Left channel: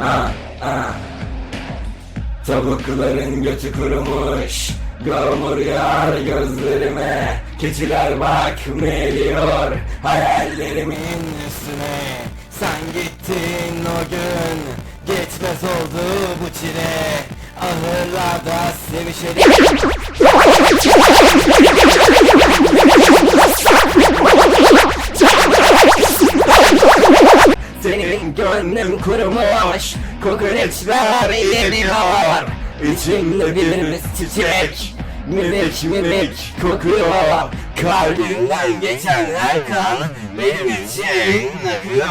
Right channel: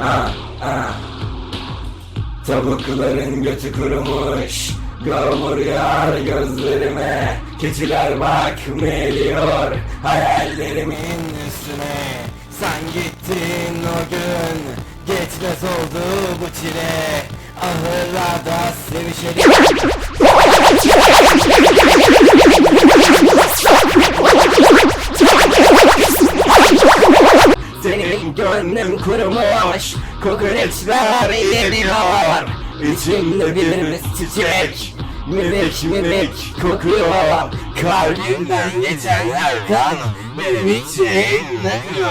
Ah, ah. Tavukların götü kurumuş, yağmur yağar gözlerime. Keçiler bakmıyor hayallerimin üstüne. Sen gittin o gün, geçmez oldu bu çile. Ahırlarda sevişelim. Senin gönlüm kurumuş, kokoreçler eriyor. İçimde bir çiçek, minik minik kokuyor. Kalbimden geçen her kan benim için akıyor.